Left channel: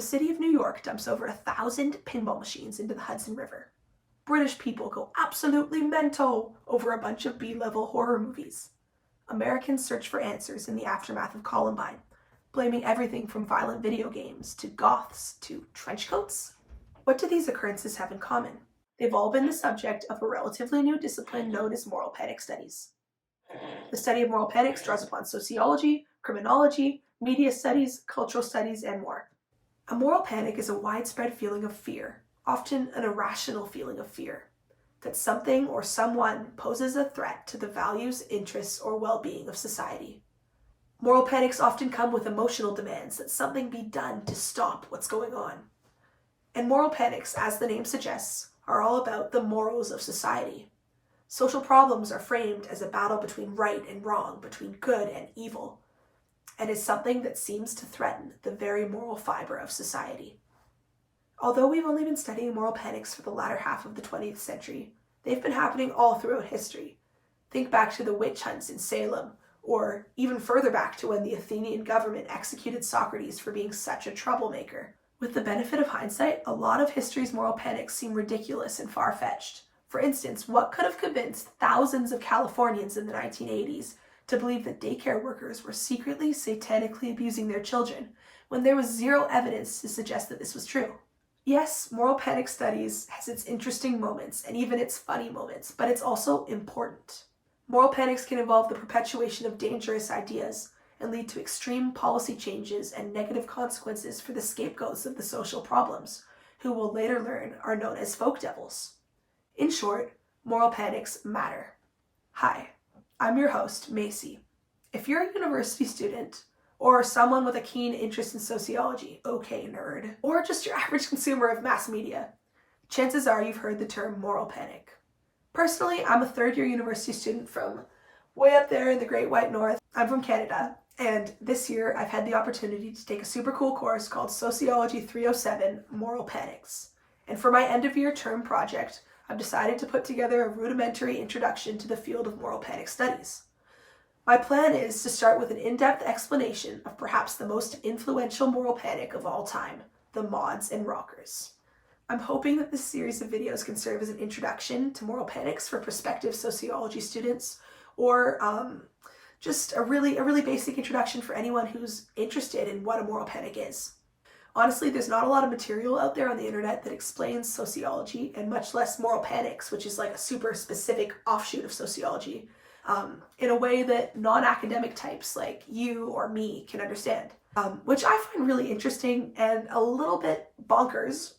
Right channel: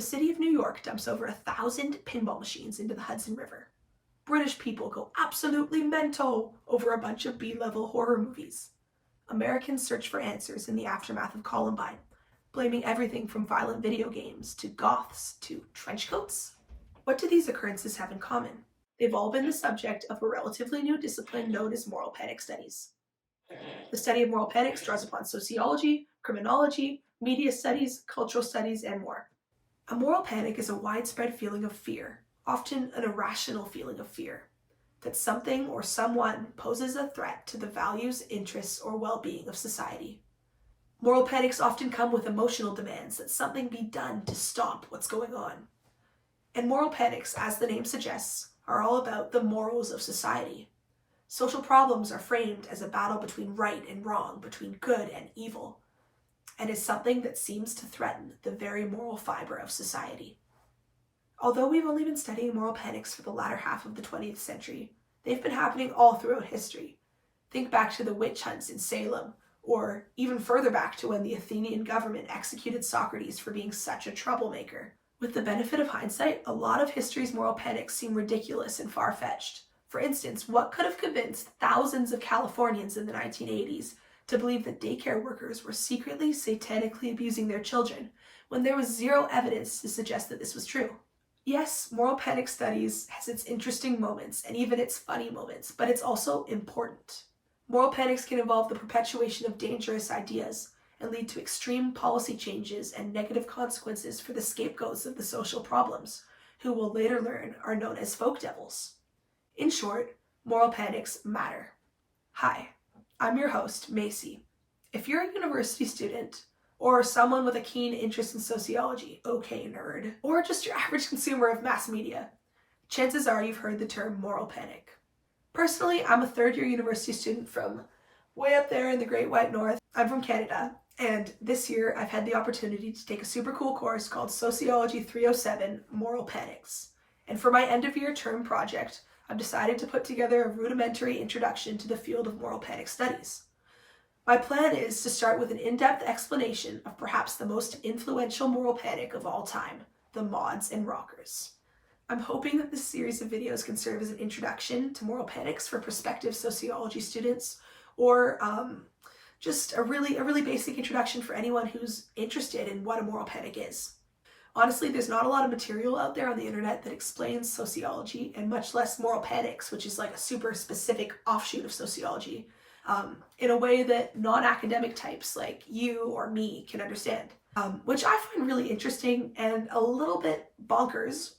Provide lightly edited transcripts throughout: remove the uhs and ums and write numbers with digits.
The city of New York dumps over 1,000 pinball machines into the Hudson River. British people go absolutely mental over a bunch of B-level horror movies. Americans search for answers in the aftermath of Columbine, blaming everything from violent video games to goths to trench coats. What do these occurrences have in common? They've all been the subject of a relatively new discipline known as moral panic studies. The study of moral panics draws upon sociology, criminology, media studies, cultural studies, and more. A moral panic is a widespread feeling of fear, often an irrational feeling of fear, that something or someone poses a threat to the values, interests, or well-being of society. Moral panics often come with emotional demands that something be done to stop what's going on. And moral panics, as the name suggests, are all about the morals of society. Social problems are framed as a battle between right and wrong, between good and evil, and is something that seems to threaten the very moral fiber of society. Although we've only been studying moral panics for the latter half of the 20th century, they've been happening all throughout history. Think back to the witch hunts in Salem, or even further back to when the Athenian government executed Socrates for being such a troublemaker. With the benefit of hindsight, a lot of history's moral panics seem ridiculous and far-fetched. For instance, what could have convinced thousands of Californians in the 1980s to believe that daycare workers were secretly, satanically abusing their children, when there was zero evidence to suggest that this was true? Yes, moral panic studies has its interesting moments and even its funny moments, but it's also important. Moral panics can involve the perpetuation of dangerous ideas and lead to extreme policy changes and negative consequences for the scapegoats of the social problems, who we'll later learn are known as folk devils. In short, moral panics matter. Hi, I'm your host, Macy. If you're a university student, or someone with a keen interest in sociology, okay nerd, or just your average consumer of mass media, chances are you've heard the term moral panic. Personally, I'm a third-year university student from way up there in the Great White North. I'm from Canada, and this year I've had the opportunity to take a super cool course called Sociology 307, Moral Panics. And for my end-of-year term project, I've decided to put together a rudimentary introduction to the field of moral panic studies. My plan is to start with an in-depth explanation of perhaps the most influential moral panic of all time, the mods and rockers. I'm hoping that this series of videos can serve as an introduction to moral panics for prospective sociology students, or just a really basic introduction for anyone who's interested in what a moral panic is. Honestly, there's not a lot of material out there on the internet that explains sociology, and much less moral panics, which is like a super specific offshoot of sociology, in a way that non-academic types like you or me can understand, which I find really interesting and a little bit bonkers,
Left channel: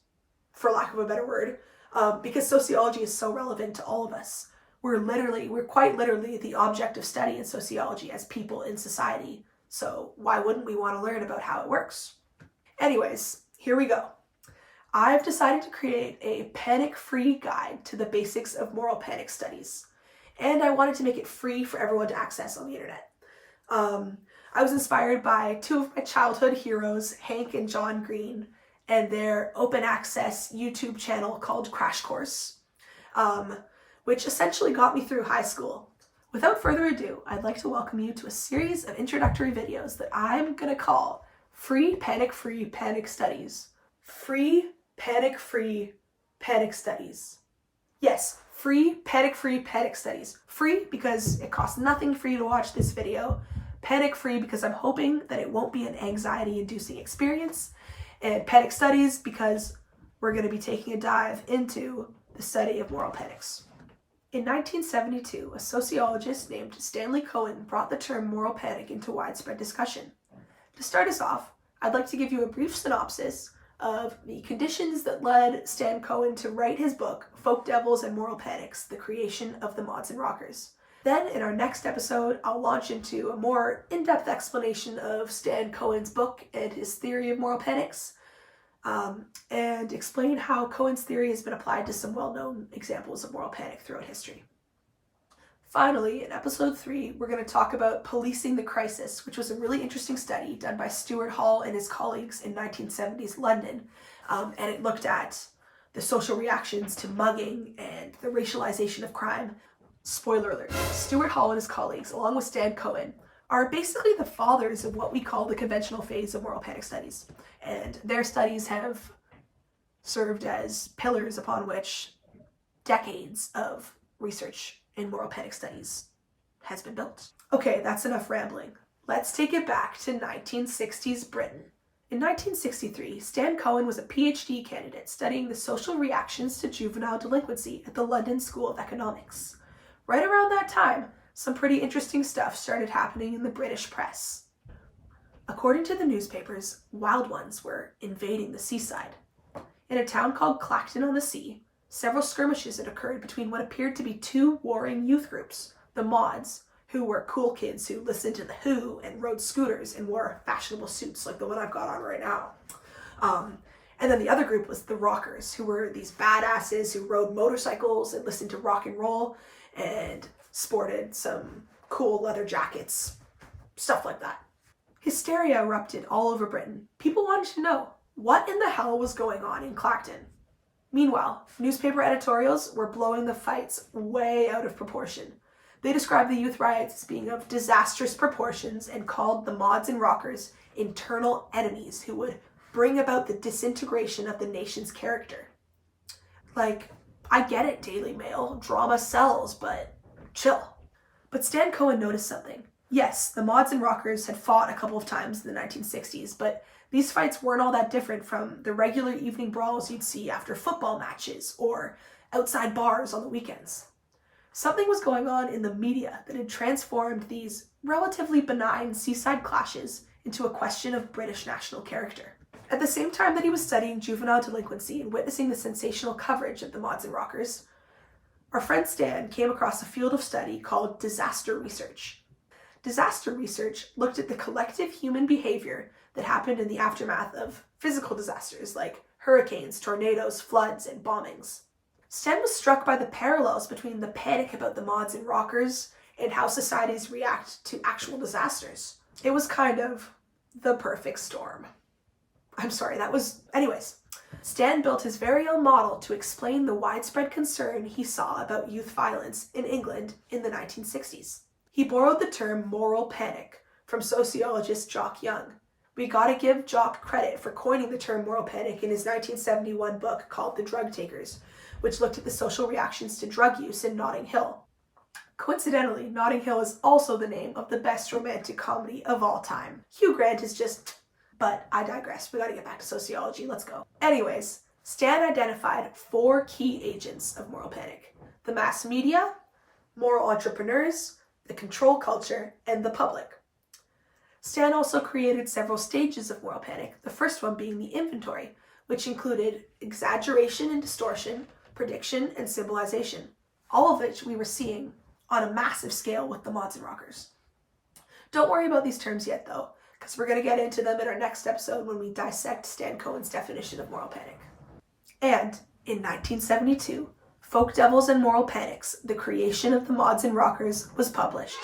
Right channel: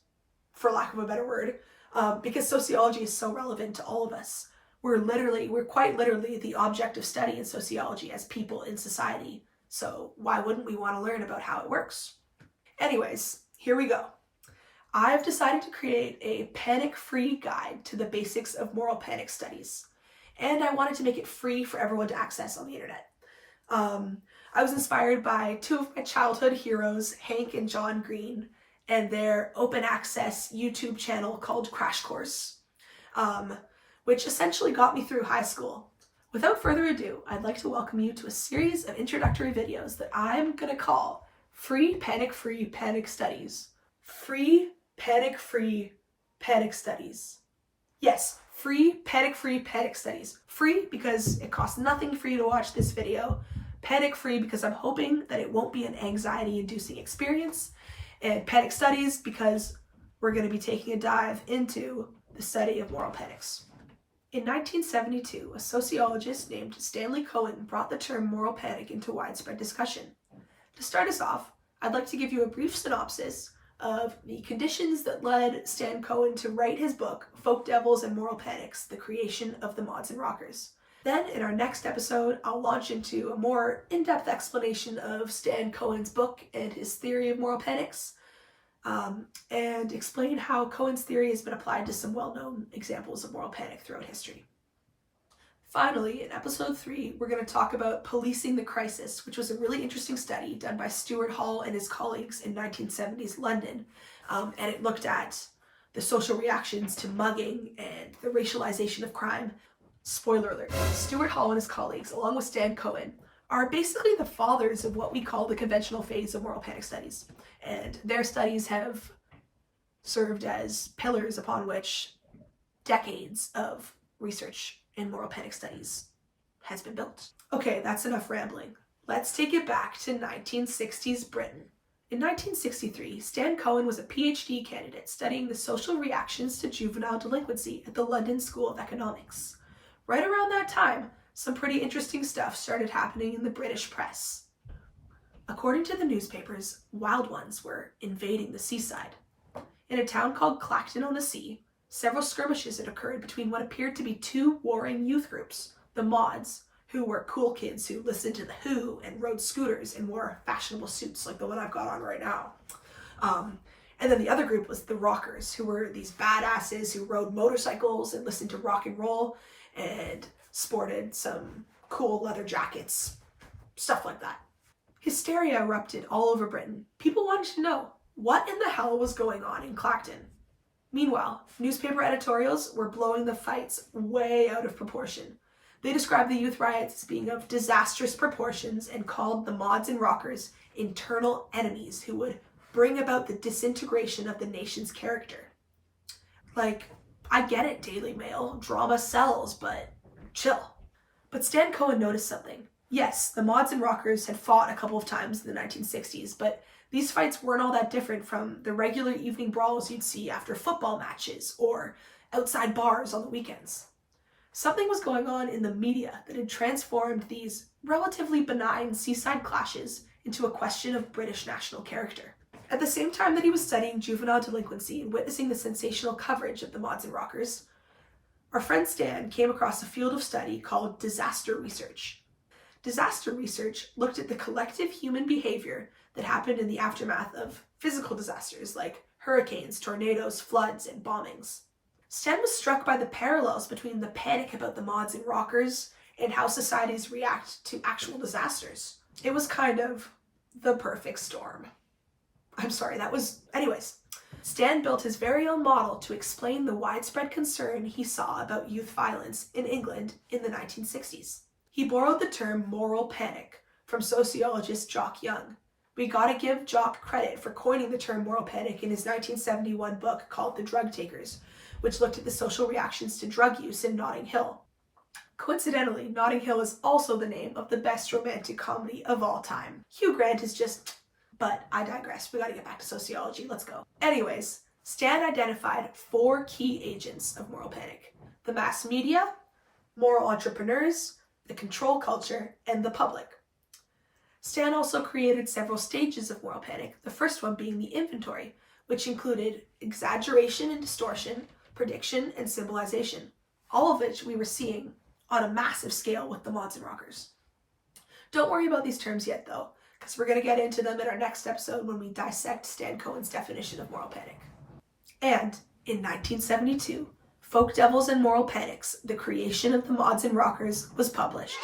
for lack of a better word, because sociology is so relevant to all of us. We're quite literally the object of study in sociology as people in society, so why wouldn't we want to learn about how it works? Anyways, here we go. I've decided to create a panic-free guide to the basics of moral panic studies, and I wanted to make it free for everyone to access on the internet. I was inspired by two of my childhood heroes, Hank and John Green, and their open access YouTube channel called Crash Course, which essentially got me through high school. Without further ado, I'd like to welcome you to a series of introductory videos that I'm gonna call Free Panic-Free Panic Studies. Free Panic-Free Panic Studies. Yes, Free Panic-Free Panic Studies. Free because it costs nothing for you to watch this video. Panic-free because I'm hoping that it won't be an anxiety-inducing experience. And Panic Studies because we're going to be taking a dive into the study of moral panics. In 1972, a sociologist named Stan Cohen brought the term moral panic into widespread discussion. To start us off, I'd like to give you a brief synopsis of the conditions that led Stan Cohen to write his book, Folk Devils and Moral Panics, The Creation of the Mods and Rockers. Then, in our next episode, I'll launch into a more in-depth explanation of Stan Cohen's book and his theory of moral panics, and explain how Cohen's theory has been applied to some well-known examples of moral panic throughout history. Finally, in episode 3, we're going to talk about policing the crisis, which was a really interesting study done by Stuart Hall and his colleagues in 1970s London, and it looked at the social reactions to mugging and the racialization of crime. Spoiler alert, Stuart Hall and his colleagues, along with Stan Cohen, are basically the fathers of what we call the conventional phase of moral panic studies. and their studies have served as pillars upon which decades of research in moral panic studies has been built. Okay, that's enough rambling. Let's take it back to 1960s Britain. In 1963, Stan Cohen was a PhD candidate studying the social reactions to juvenile delinquency at the London School of Economics. Right around that time, some pretty interesting stuff started happening in the British press. According to the newspapers, wild ones were invading the seaside. In a town called Clacton-on-the-Sea, several skirmishes had occurred between what appeared to be two warring youth groups, the Mods, who were cool kids who listened to The Who and rode scooters and wore fashionable suits like the one I've got on right now. And then the other group was the Rockers, who were these badasses who rode motorcycles and listened to rock and roll and sported some cool leather jackets, stuff like that. Hysteria erupted all over Britain. People wanted to know what in the hell was going on in Clacton. Meanwhile, newspaper editorials were blowing the fights way out of proportion. They described the youth riots as being of disastrous proportions and called the Mods and Rockers internal enemies who would bring about the disintegration of the nation's character. Like, I get it, Daily Mail, drama sells, but chill. But Stan Cohen noticed something. Yes, the Mods and Rockers had fought a couple of times in the 1960s, but these fights weren't all that different from the regular evening brawls you'd see after football matches or outside bars on the weekends. Something was going on in the media that had transformed these relatively benign seaside clashes into a question of British national character. At the same time that he was studying juvenile delinquency and witnessing the sensational coverage of the Mods and Rockers, our friend Stan came across a field of study called disaster research. Disaster research looked at the collective human behavior that happened in the aftermath of physical disasters like hurricanes, tornadoes, floods, and bombings. Stan was struck by the parallels between the panic about the Mods and Rockers and how societies react to actual disasters. It was kind of the perfect storm. Anyways, Stan built his very own model to explain the widespread concern he saw about youth violence in England in the 1960s. He borrowed the term moral panic from sociologist Jock Young. We gotta give Jock credit for coining the term moral panic in his 1971 book called The Drug Takers, which looked at the social reactions to drug use in Notting Hill. Coincidentally, Notting Hill is also the name of the best romantic comedy of all time. Hugh Grant is just... But I digress. We gotta get back to sociology. Let's go. Anyways, Stan identified 4 key agents of moral panic: the mass media, moral entrepreneurs, the control culture, and the public. Stan also created several stages of moral panic, the first one being the inventory, which included exaggeration and distortion, prediction, and symbolization, all of which we were seeing on a massive scale with the Mods and Rockers. Don't worry about these terms yet, though, because we're going to get into them in our next episode when we dissect Stan Cohen's definition of moral panic. And in 1972, Folk Devils and Moral Panics, The Creation of the Mods and Rockers, was published.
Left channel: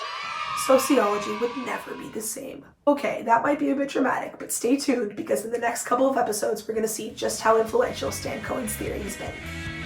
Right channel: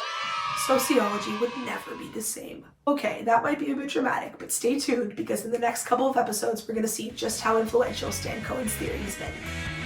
Sociology would never be the same. Okay, that might be a bit dramatic, but stay tuned because in the next couple of episodes we're going to see just how influential Stan Cohen's theory has been.